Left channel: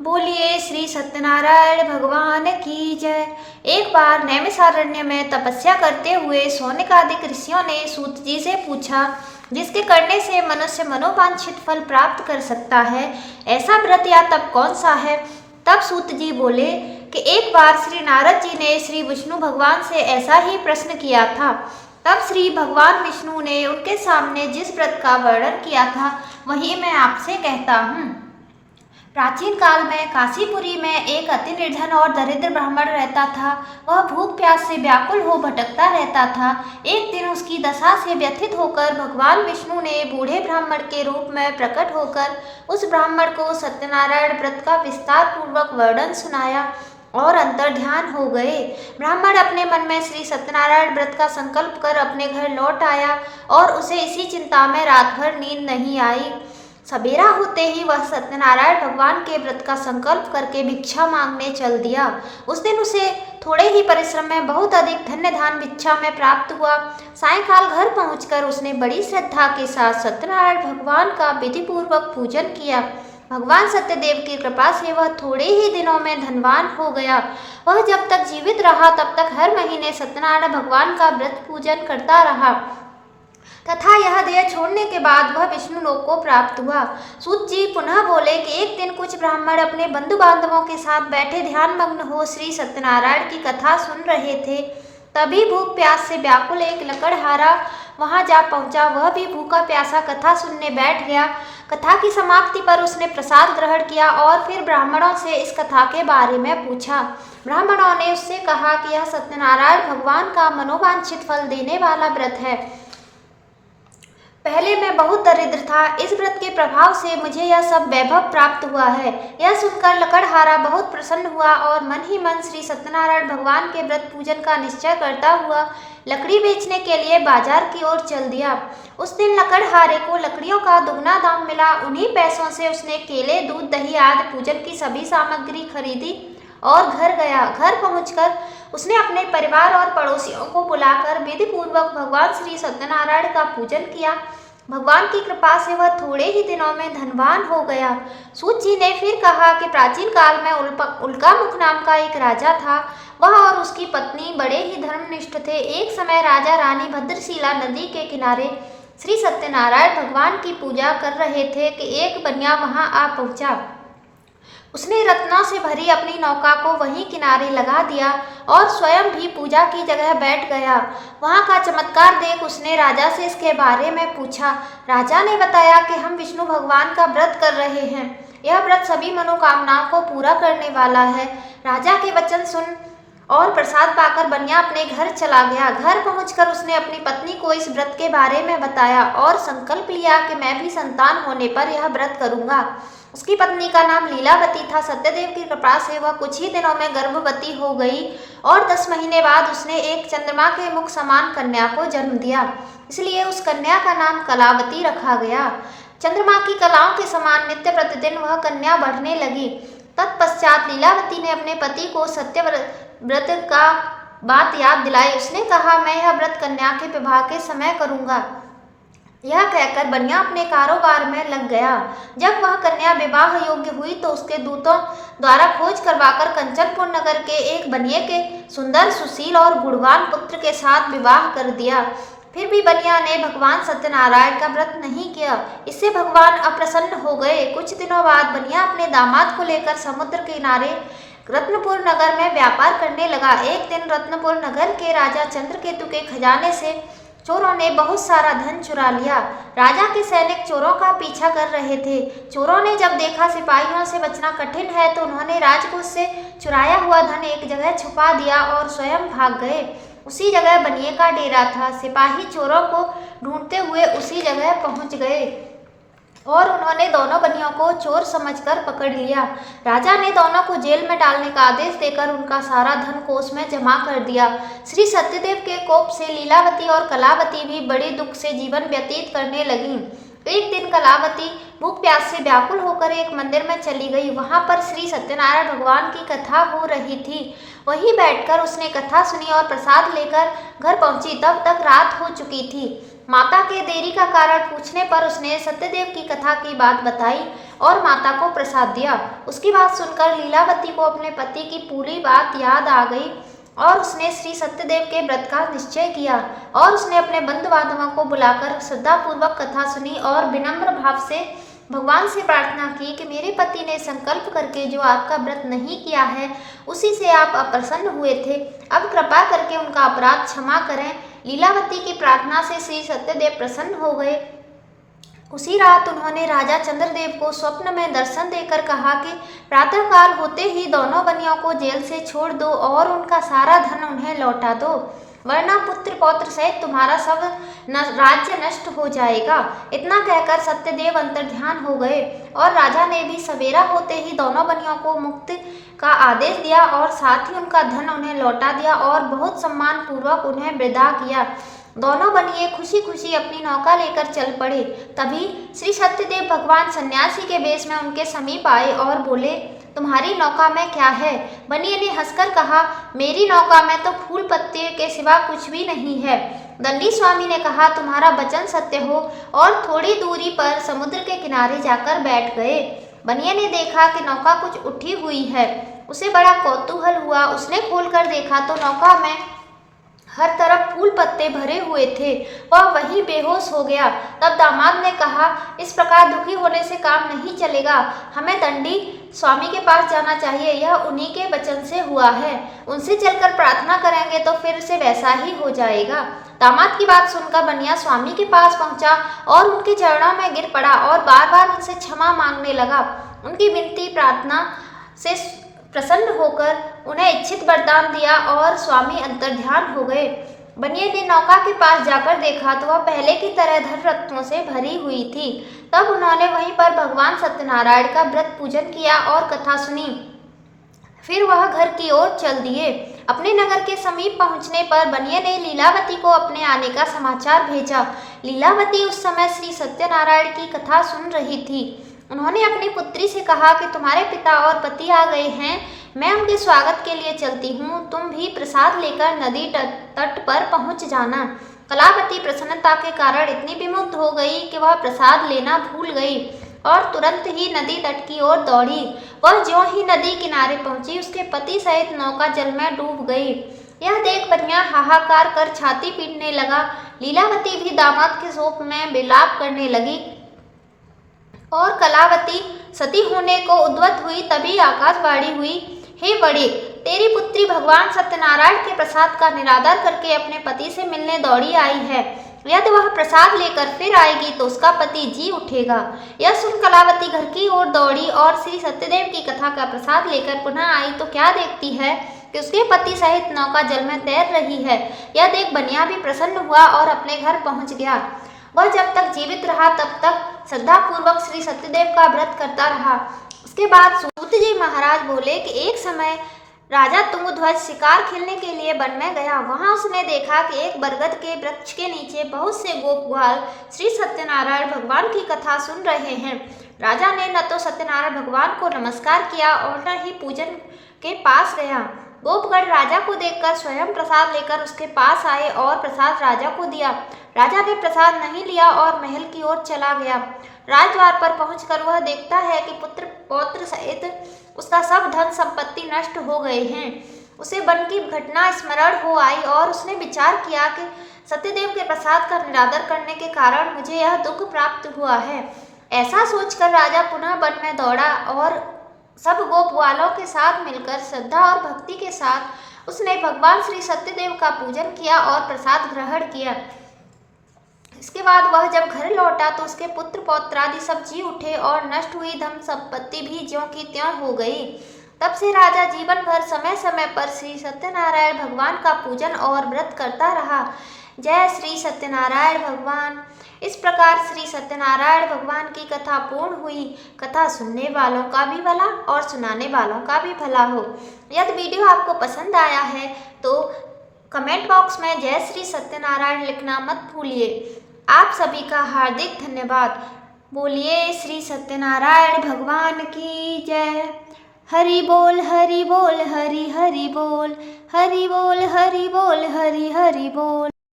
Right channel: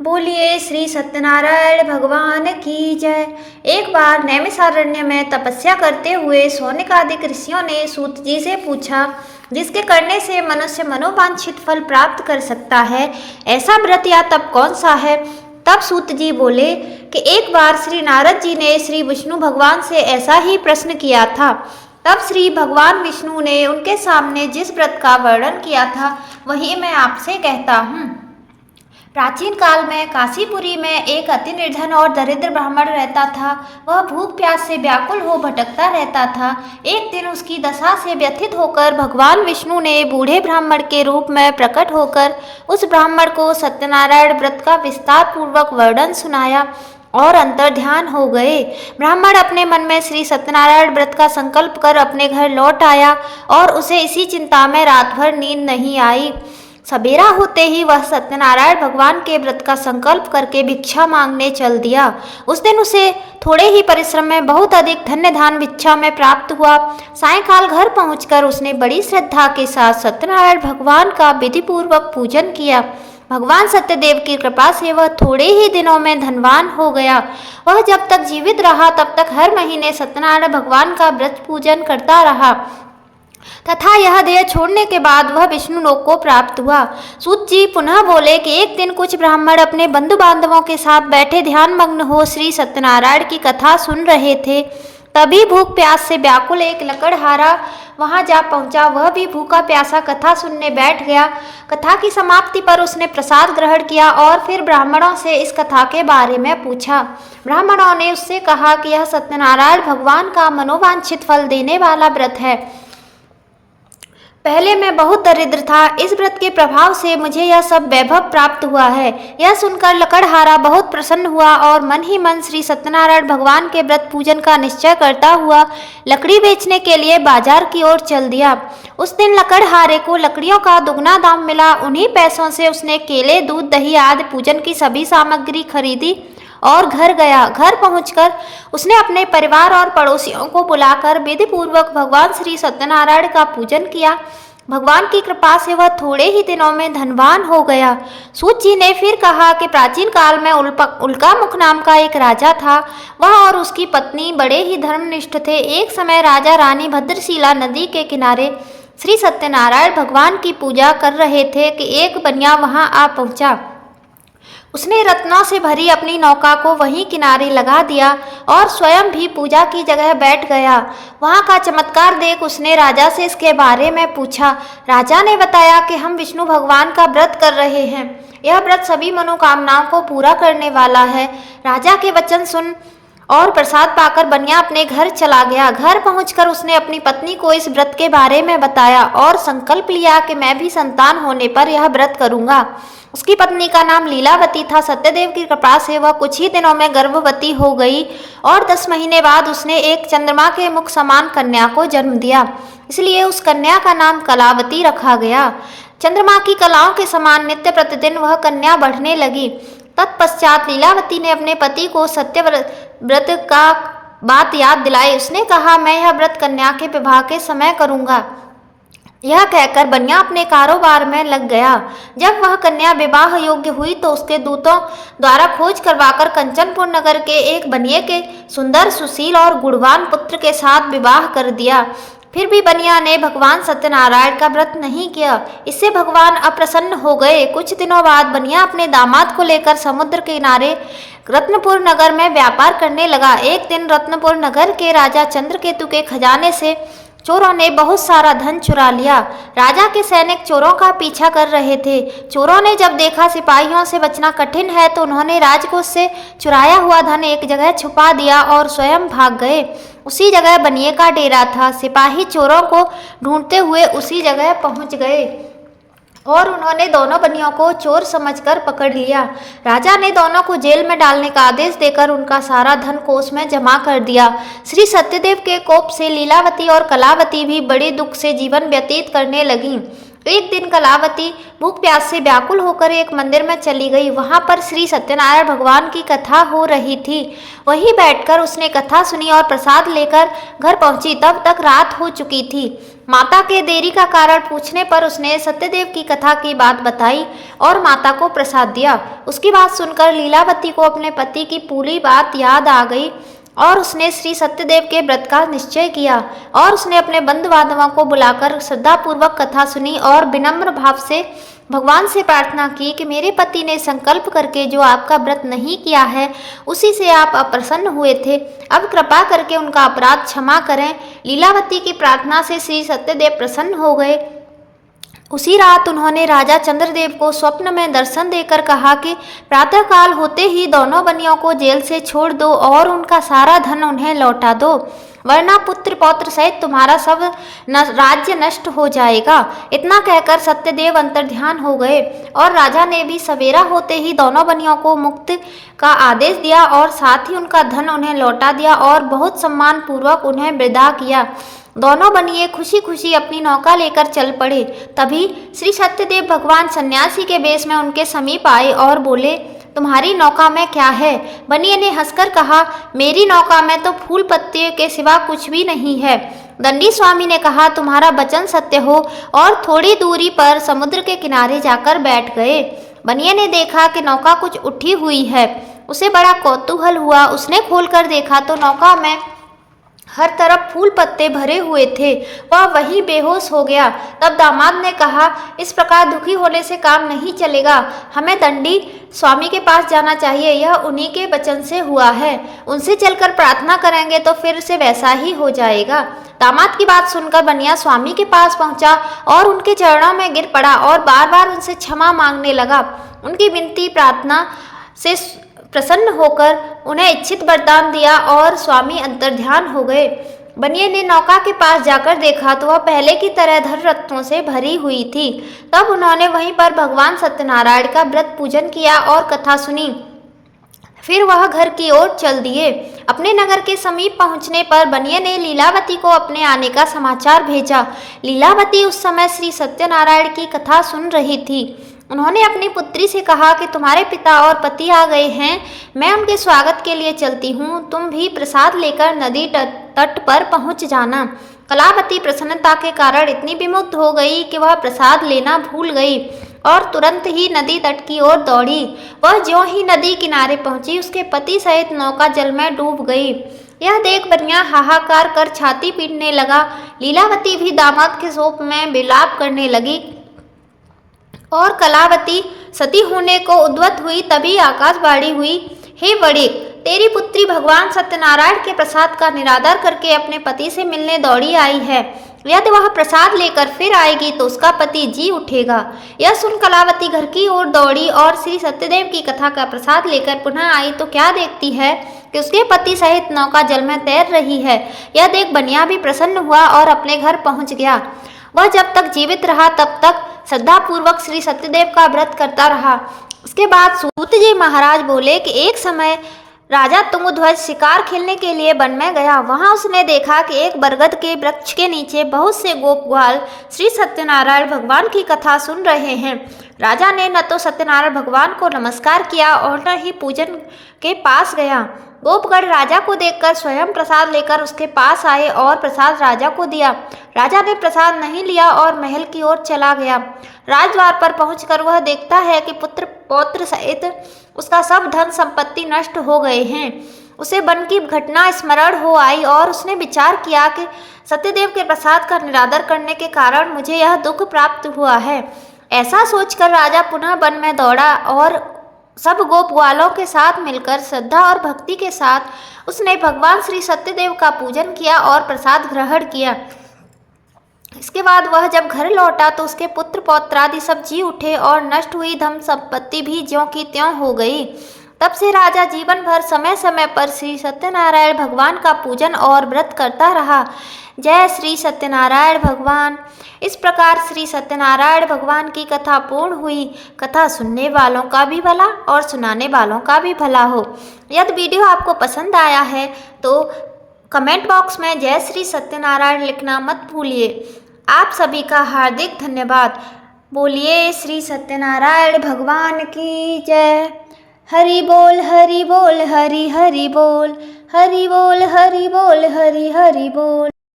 बोलिए श्री सत्यनारायण भगवान की जय। एक बार नैमिषारण्य में तपस्या करते हुए शौनकादिक ऋषियों ने सूत जी से पूछा, जिसके करने से मनुष्य मनोवांछित फल प्राप्त कर सकता है, ऐसा व्रत या तप कौन सा है। तब सूत जी बोले कि एक बार श्री नारद जी ने श्री विष्णु भगवान से ऐसा ही प्रश्न किया था। तब श्री भगवान विष्णु ने उनके सामने जिस व्रत का वर्णन किया था वही मैं आपसे कहता हूँ। प्राचीन काल में काशीपुरी में एक अति निर्धन और दरिद्र ब्राह्मण रहता था। वह भूख प्यास से व्याकुल हो भटकता रहता था। एक दिन उसकी दशा से व्यथित होकर भगवान विष्णु ने बूढ़े ब्राह्मण के रूप में प्रकट होकर उस ब्राह्मण को सत्यनारायण व्रत का विस्तार पूर्वक वर्णन सुनाया और अंतर्ध्यान हो गए। ब्राह्मण अपने मन में श्री सत्यनारायण व्रत का संकल्प कर अपने घर लौट आया और उसे इसी चिंता में रात भर नींद नहीं आई। सवेरा होते ही वह सत्यनारायण भगवान के व्रत का संकल्प करके भिक्षा मांगने चल दिया। उस दिन उसे थोड़े ही परिश्रम में बहुत अधिक धन्य धान भिक्षा में प्राप्त हुआ। सायंकाल घर पहुंचकर उसने बड़ी श्रद्धा के साथ सत्यनारायण भगवान का विधि पूर्वक पूजन किया। भगवान सत्यदेव की कृपा से वह थोड़े ही दिनों में धनवान हो गया। वह जब तक जीवित रहा तब तक हर महीने सत्यनारायण भगवान का व्रत पूजन करता रहा तथा यह देह छोड़ने के बाद वह विष्णु लोक को प्राप्त हुआ। सूत जी पुनः बोले कि एक दिन कुछ ब्राह्मण अपने बंधु बांधवों के साथ बैठे ध्यान मग्न हो श्री सत्यनारायण की कथा सुन रहे थे। तभी भूख प्यास से व्याकुल एक लकड़हारा वहां जा पहुंचा। वह भी भूखा प्यासा कथा सुनने बैठ गया। कथा की समाप्ति पर उसने प्रसाद ग्रहण किया और फिर ब्राह्मणों से इस कथा के बारे में पूछा। ब्राह्मणों ने उससे कहा कि यह सत्यनारायण भगवान का मनोवांछित फल देने वाला व्रत है। पहले मैं बहुत दरिद्र था, इस व्रत के प्रभाव से मुझे यह सब वैभव प्राप्त हुआ है। यह सुनकर लकड़हारा बहुत प्रसन्न हुआ और मन ही मन श्री सत्यनारायण भगवान के व्रत पूजन का निश्चय करता हुआ लकड़ी बेचने के लिए बाजार की ओर चल दिया। उस दिन लकड़हारे को लकड़ियों का दुगना दाम मिला। उन्हीं पैसों से उसने केले, दूध, दही आदि पूजन की सभी सामग्री खरीदी और घर गया। घर पहुंचकर उसने अपने परिवार और पड़ोसियों को बुलाकर विधि पूर्वक भगवान श्री सत्यनारायण का पूजन किया। भगवान की कृपा से वह थोड़े ही दिनों में धनवान हो गया। सूत जी ने फिर कहा कि प्राचीन काल में उल्कामुख नाम का एक राजा था। वह और उसकी पत्नी बड़े ही धर्मनिष्ठ थे। एक समय राजा रानी भद्रशिला नदी के किनारे श्री सत्यनारायण भगवान की पूजा कर रहे थे कि एक बनिया वहां आ पहुंचा। उसने रत्नों से भरी अपनी नौका को वहीं किनारे लगा दिया और स्वयं भी पूजा की जगह बैठ गया। वहां का चमत्कार देख उसने राजा से इसके बारे में पूछा। राजा ने बताया कि हम विष्णु भगवान का व्रत कर रहे हैं। यह व्रत सभी मनोकामनाओं को पूरा करने वाला है। राजा के वचन सुन और प्रसाद पाकर बनिया अपने घर चला गया। घर पहुंचकर उसने अपनी पत्नी को इस व्रत के बारे में बताया और संकल्प लिया कि मैं भी संतान होने पर यह व्रत करूंगा। उसकी पत्नी का नाम लीलावती था। सत्यदेव की कृपा से वह कुछ ही दिनों में गर्भवती हो गई और 10 महीने बाद उसने एक चंद्रमा के मुख समान कन्या को जन्म दिया। इसलिए उस कन्या का नाम कलावती रखा गया। चंद्रमा की कलाओं के समान नित्य प्रतिदिन वह कन्या बढ़ने लगी। तत्पश्चात लीलावती ने अपने पति को सत्य व्रत का बात याद दिलाई। उसने कहा, मैं यह व्रत कन्या के विवाह के समय करूंगा। यह कहकर बनिया अपने कारोबार में लग गया। जब वह कन्या विवाह योग्य हुई तो उसके दूतों द्वारा खोज करवाकर कंचनपुर नगर के एक बनिए के सुंदर, सुशील और गुणवान पुत्र के साथ विवाह कर दिया। फिर भी बनिया ने भगवान सत्यनारायण का व्रत नहीं किया। इससे भगवान अप्रसन्न हो गए। कुछ दिनों बाद बनिया अपने दामाद को लेकर समुद्र किनारे रत्नपुर नगर में व्यापार करने लगा। एक दिन रत्नपुर नगर के राजा चंद्रकेतु के खजाने से चोरों ने बहुत सारा धन चुरा लिया। राजा के सैनिक चोरों का पीछा कर रहे थे। चोरों ने जब देखा सिपाहियों से बचना कठिन है तो उन्होंने राजकोष से चुराया हुआ धन एक जगह छुपा दिया और स्वयं भाग गए। उसी जगह बनिए का डेरा था। सिपाही चोरों को ढूंढते हुए उसी जगह पहुंच गए और उन्होंने दोनों बनियों को चोर समझकर पकड़ लिया। राजा ने दोनों को जेल में डालने का आदेश देकर उनका सारा धन कोष में जमा कर दिया। श्री सत्यदेव के कोप से लीलावती और कलावती भी बड़े दुख से जीवन व्यतीत करने लगीं। एक दिन कलावती भूख प्यास से व्याकुल होकर एक मंदिर में चली गई। वहां पर श्री सत्यनारायण भगवान की कथा हो रही थी। वहीं बैठकर उसने कथा सुनी और प्रसाद लेकर घर पहुंची। तब तक रात हो चुकी थी। माता के देरी का कारण पूछने पर उसने सत्यदेव की कथा की बात बताई और माता को प्रसाद दिया। उसकी बात सुनकर लीलावती को अपने पति की पूरी बात याद आ गई और उसने श्री सत्यदेव के व्रत का निश्चय किया और उसने अपने बंधु बांधवों को बुलाकर श्रद्धापूर्वक कथा सुनी और विनम्र भाव से भगवान से प्रार्थना की कि मेरे पति ने संकल्प करके जो आपका व्रत नहीं किया है उसी से आप अप्रसन्न हुए थे। अब कृपा करके उनका अपराध क्षमा करें। लीलावती की प्रार्थना से श्री सत्यदेव प्रसन्न हो गए। उसी रात उन्होंने राजा चंद्रदेव को स्वप्न में दर्शन देकर कहा कि प्रातःकाल होते ही दोनों बनियों को जेल से छोड़ दो और उनका सारा धन उन्हें लौटा दो, वरना पुत्र पौत्र सहित तुम्हारा सब राज्य नष्ट हो जाएगा। इतना कहकर सत्यदेव अंतर्ध्यान हो गए और राजा ने भी सवेरा होते ही दोनों बनियों को मुक्त का आदेश दिया और साथ ही उनका धन उन्हें लौटा दिया और बहुत सम्मान पूर्वक उन्हें विदा किया। दोनों बनिए खुशी खुशी अपनी नौका लेकर चल पड़े। तभी श्री सत्यदेव भगवान सन्यासी के वेश में उनके समीप आए और बोले, तुम्हारी नौका में क्या है? बनिए ने हंसकर कहा, मेरी नौका में तो फूल पत्ते के सिवा कुछ भी नहीं है। दंडी स्वामी ने कहा, तुम्हारा वचन सत्य हो, और थोड़ी दूरी पर समुद्र के किनारे जाकर बैठ गए। बनिए ने देखा कि नौका कुछ उठी हुई है। उसे बड़ा कौतूहल हुआ। उसने खोलकर देखा तो नौका में हर तरफ फूल पत्ते भरे हुए थे। वह वहीं बेहोश हो गया। तब दामाद ने कहा, इस प्रकार दुखी होने से काम नहीं चलेगा, हमें दंडी स्वामी के पास जाना चाहिए। यह उन्हीं के वचन से हुआ है, उनसे चलकर प्रार्थना करेंगे तो फिर से वैसा ही हो जाएगा। दामाद की बात सुनकर बनिया स्वामी के पास पहुंचा और उनके चरणों में गिर पड़ा और बार बार उनसे क्षमा मांगने लगा। उनकी विनती प्रार्थना से प्रसन्न होकर उन्हें इच्छित वरदान दिया और स्वामी अंतर्ध्यान हो गए। बनिए ने नौका के पास जाकर देखा तो वह पहले की तरह धन रत्नों से भरी हुई थी। तब उन्होंने वहीं पर भगवान सत्यनारायण का व्रत पूजन किया और कथा सुनी। फिर वह घर की ओर चल दिए। अपने नगर के समीप पहुंचने पर बनिए ने लीलावती को अपने आने का समाचार भेजा। लीलावती उस समय श्री सत्यनारायण की कथा सुन रही थी। उन्होंने अपनी पुत्री से कहा कि तुम्हारे पिता और पति आ गए हैं, मैं उनके स्वागत के लिए चलती हूँ, तुम भी प्रसाद लेकर नदी तट पर पहुँच जाना। कलावती प्रसन्नता के कारण इतनी विमुग्ध हो गई कि वह प्रसाद लेना भूल गई और तुरंत ही नदी तट की ओर दौड़ी। वह ज्यों ही नदी किनारे पहुंची, उसके पति सहित नौका जल में डूब गई। यह देख बनिया हाहाकार कर छाती पीटने लगा। लीलावती भी दामाद के शोक में विलाप करने लगी और कलावती सती होने को उद्वत हुई। तभी आकाशवाणी हुई, हे बड़े, तेरी पुत्री भगवान सत्यनारायण के प्रसाद का निरादर करके अपने पति से मिलने दौड़ी आई है। यदि वह प्रसाद लेकर फिर आएगी तो उसका पति जी उठेगा। यह सुन कलावती घर की ओर दौड़ी और श्री सत्यदेव की कथा का प्रसाद लेकर पुनः आई तो क्या देखती है कि उसके पति सहित नौका जल में तैर रही है। यह देख बनिया भी प्रसन्न हुआ और अपने घर पहुंच गया। वह जब तक जीवित रहा तब तक श्रद्धापूर्वक श्री सत्यदेव का व्रत करता रहा। उसके बाद सूत जी महाराज बोले कि एक समय राजा तुंगध्वज शिकार खेलने के लिए वन में गया। वहां उसने देखा कि एक बरगद के वृक्ष के नीचे बहुत से गोप ग्वाल श्री सत्यनारायण भगवान की कथा सुन रहे हैं। राजा ने न तो सत्यनारायण भगवान को नमस्कार किया और न ही पूजन के पास गया। गोपगण राजा को देखकर स्वयं प्रसाद लेकर उसके पास आए और प्रसाद राजा को दिया। राजा ने प्रसाद नहीं लिया और महल की ओर चला गया। राजद्वार पर पहुंचकर वह देखता है कि पुत्र पौत्र सहित उसका सब धन संपत्ति नष्ट हो गए हैं। उसे वन की घटना स्मरण हो आई और उसने विचार किया कि सत्यदेव के प्रसाद का निरादर करने के कारण मुझे यह दुख प्राप्त हुआ है। ऐसा सोचकर राजा पुनः वन में दौड़ा और सब गोप ग्वालों के साथ मिलकर श्रद्धा और भक्ति के साथ उसने भगवान श्री सत्यदेव का पूजन किया और प्रसाद ग्रहण किया। इसके बाद वह जब घर लौटा तो उसके पुत्र पौत्रादि सब जी उठे और नष्ट हुई धन संपत्ति भी ज्यों की त्यों हो गई। तब से राजा जीवन भर समय समय पर श्री सत्यनारायण भगवान का पूजन और व्रत करता रहा। जय श्री सत्यनारायण भगवान। इस प्रकार श्री सत्यनारायण भगवान की कथा पूर्ण हुई। कथा सुनने वालों का भी भला और सुनाने वालों का भी भला हो। यदि वीडियो आपको पसंद आया है तो कमेंट बॉक्स में जय श्री सत्यनारायण लिखना मत भूलिए। आप सभी का हार्दिक धन्यवाद। बोलिए श्री सत्यनारायण भगवान की जय। हरि बोल हरि बोल हरि हरि बोल, हरि बोल हरि बोल हरि हरि बोल।